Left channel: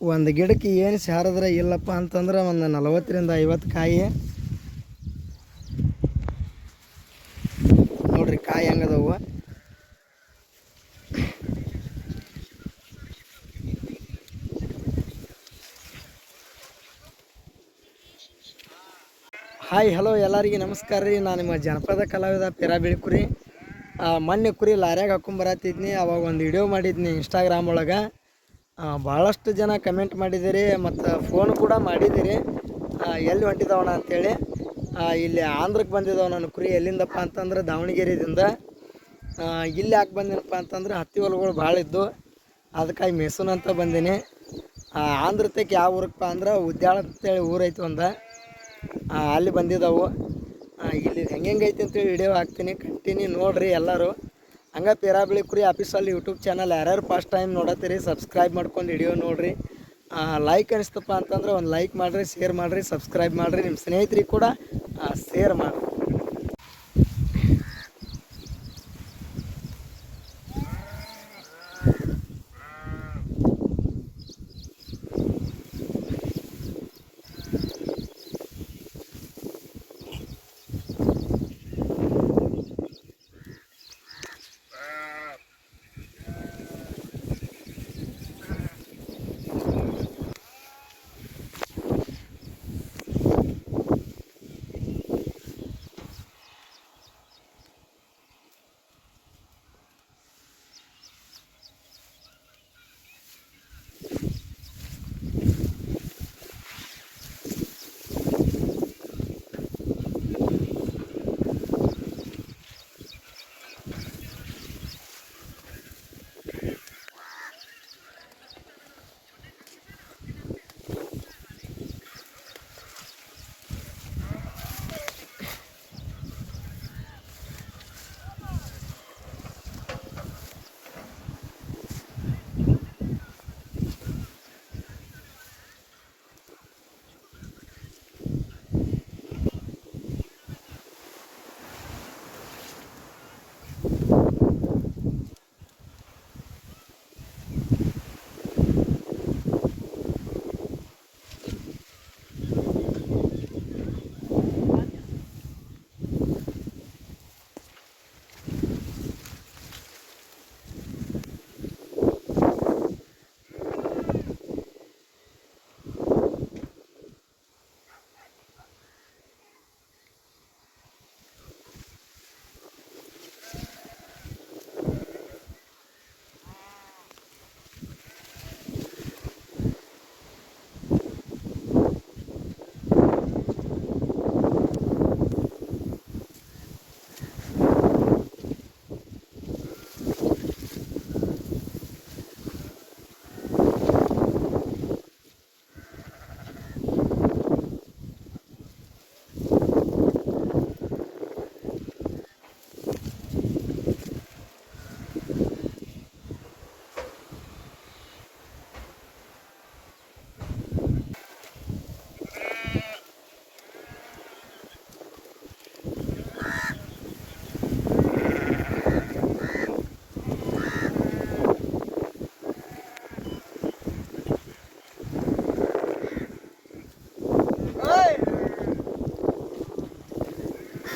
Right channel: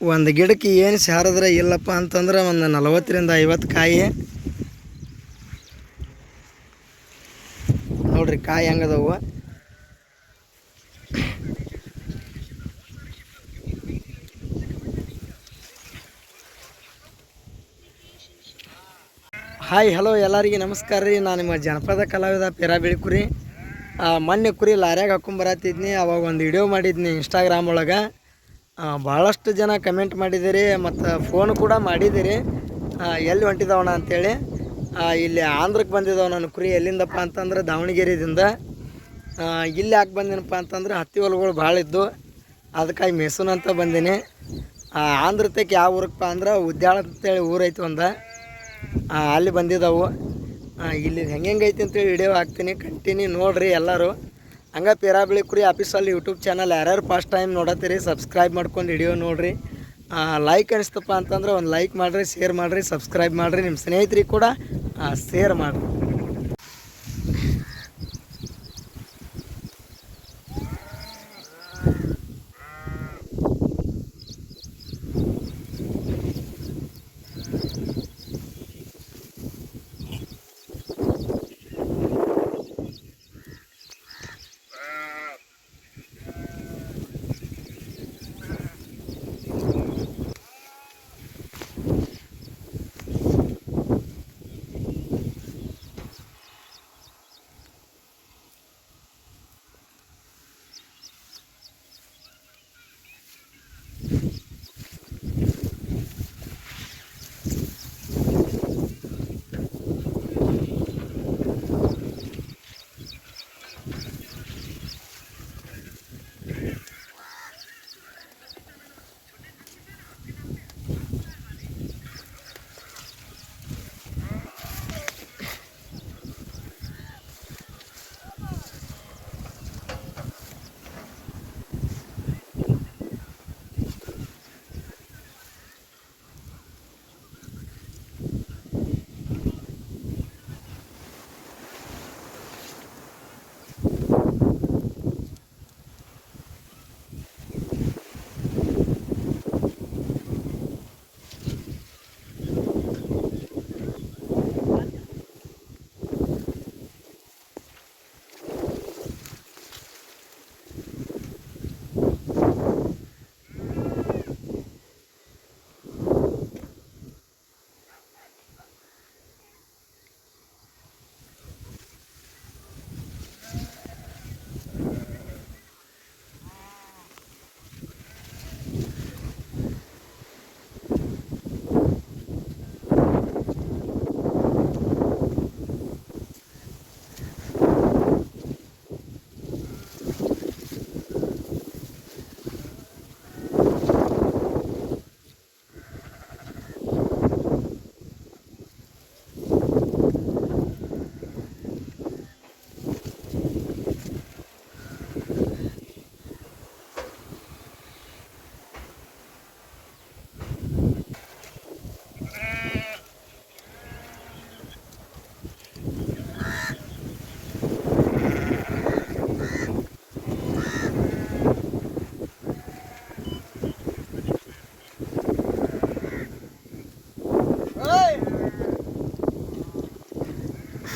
ಒಂದು ಗಿಡಕ್ಕೆ ಏನು ಸಾರದ್ರೆ ಇಲ್ಲಪ್ಪ ಅಂತಂದ್ರೆ ಒಂದು ನಲವತ್ತರಿಂದ ಐವತ್ತು ಕಾಯಿ. ನೋಡ್ರಿ ಕಾಯಿ ಹೆಂಗದವು. ಹಾಯ್ ಹಲೋ ಎಲ್ಲರಿಗೆ ನಮಸ್ಕಾರ ರೀ. ನಾನು ನಿಮ್ಮ ಜನಪದ ಕಲಾವಿದ ಪಿರಾ ಬಿಳಿಕುರಿ ಮೊನ್ನೆ ಕುರಿ ಲಾರ್ಯಾಗ ಹಾಕೊಂಬರತ್ತಿದ್ನಿ ಅವಾಗ ಒಂದು ವಿಡಿಯೋ ಮಾಡಿದ್ನಿ ಇನ್ಸ್ಟಾಗ್ರಾಮ್ ಒಳಗೆ. ಭಾಳಷ್ಟು ಜನ ಕಮೆಂಟ್ ಮಾಡಿದ್ದೀರಿ ಮತ್ತು ಫೋನ್ ಕೂಡ ಮಾಡಿದ್ದೀರಿ. ಎಲ್ಲಿ ಹೊಂಟಿದವಣ ಅಂಥೇಳಿ ಇಲ್ಲಿ ಆಂಧ್ರಕ್ಕೆ ಬಂದಿದ್ದವ ನಾನು ಕುರಿ ಎಲ್ಲಿಂದಪ್ಪ ಅಂತಂದ್ರೆ ದಾವಣಗೆರೆದಿಂದ. ಇಲ್ಲಿ ಯಾಕೆ ಬಂದಿನಪ್ಪ ಅಂತಂದ್ರೆ ಹತ್ತಿ ಹೊಲಗಳು ಭಾಳ ಇದ್ದು ಅದಕ್ಕಾಗಿ ಮೆಸನ್ ಅಂತ ಬಂದೀನಿ. ಆ, ಆಂಧ್ರ ತಕ್ಕ ಯಾವ ಊರಕ್ಕಪ್ಪ ಅಂದ್ರೆ ಉದ್ಯಾಳ ಅಂತೇಳಿ ಊರೈತಿ ಒಂದು. ಅಲ್ಲಿ ಬಂದಿದ್ದಾವು. ಇಲ್ಲಿ ಹೆಂಗೆ ಅಂತೇಳಿ ವಿಡಿಯೋ ಹಾಕ್ತೀನಿ ಕಂಟಿನ್ಯೂ ನೋಡಿರಿ ಎಲ್ಲರೂ. ಹಂಗೆ ಪೇರಾಬಳಿ ಕುರಿ ಆಫೀಸಲ್ಲಿ ಯೂಟ್ಯೂಬ್ ಚಾನಲ್ ಯಾರ್ಯಾರು ಫಸ್ಟ್ ಟೈಮ್ ನೋಡತ್ತೀರಿ ಸಬ್ಸ್ಕ್ರೈಬ್ ಮಾಡ್ಕೊಂಡು ವಿಡಿಯೋ ನೋಡಿರಿ. ಲೈಕ್ ಅನಿಸ್ತಪ್ಪ ಅಂತಂದ್ರೆ ಒಂದು ಲೈಕ್ ಮಾಡಿರಿ ಶೇರ್ ಮಾಡಿರಿ ಸಬ್ಸ್ಕ್ರೈಬ್ ಮಾಡಿರಿ. ನಿಮ್ಮ ಸ್ನೇಹಿತರಿಗೆ ಕೂಡ ಶೇರ್ ಮಾಡಿರಿ.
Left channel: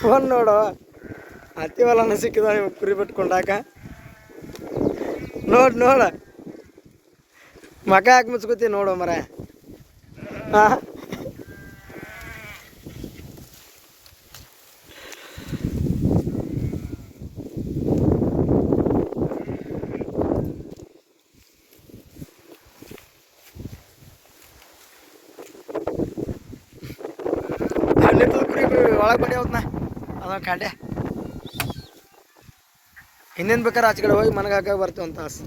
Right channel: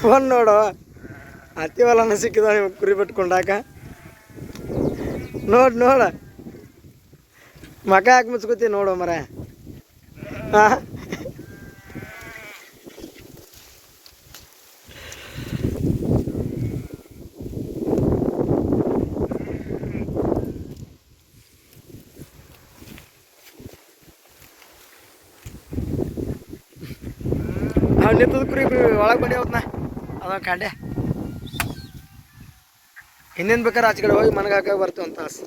ಫೋನ್ ನೋಡು. ಅತಿವಲನ ಸಿಕ್ಕಿದ ನಿಮ್ಗೆ ಕುರಿ ಬಿಟ್ಕೊಂಡಾಕ. ನೋಡು, ನೋಡ. ಮಕ ಹಾಕಿ ಮುಚ್ಕೋತಿ ನೋಡು ಮರ. ಹಾಂ ನಿಂತದ ಕುರಿ ಒಳಗೆ ಬಡಿ ಅದ ಕಂಡೆ. ಇನ್ನೇನು ಬೇಕಾದ್ರೆ ಆಚೆ ಕಡೆ ಹೋಗಿ ಮನೆಗೆ ಹಾಕಿ ಬರ್ತೀವಿ ಅಂತ ಆಸೆ.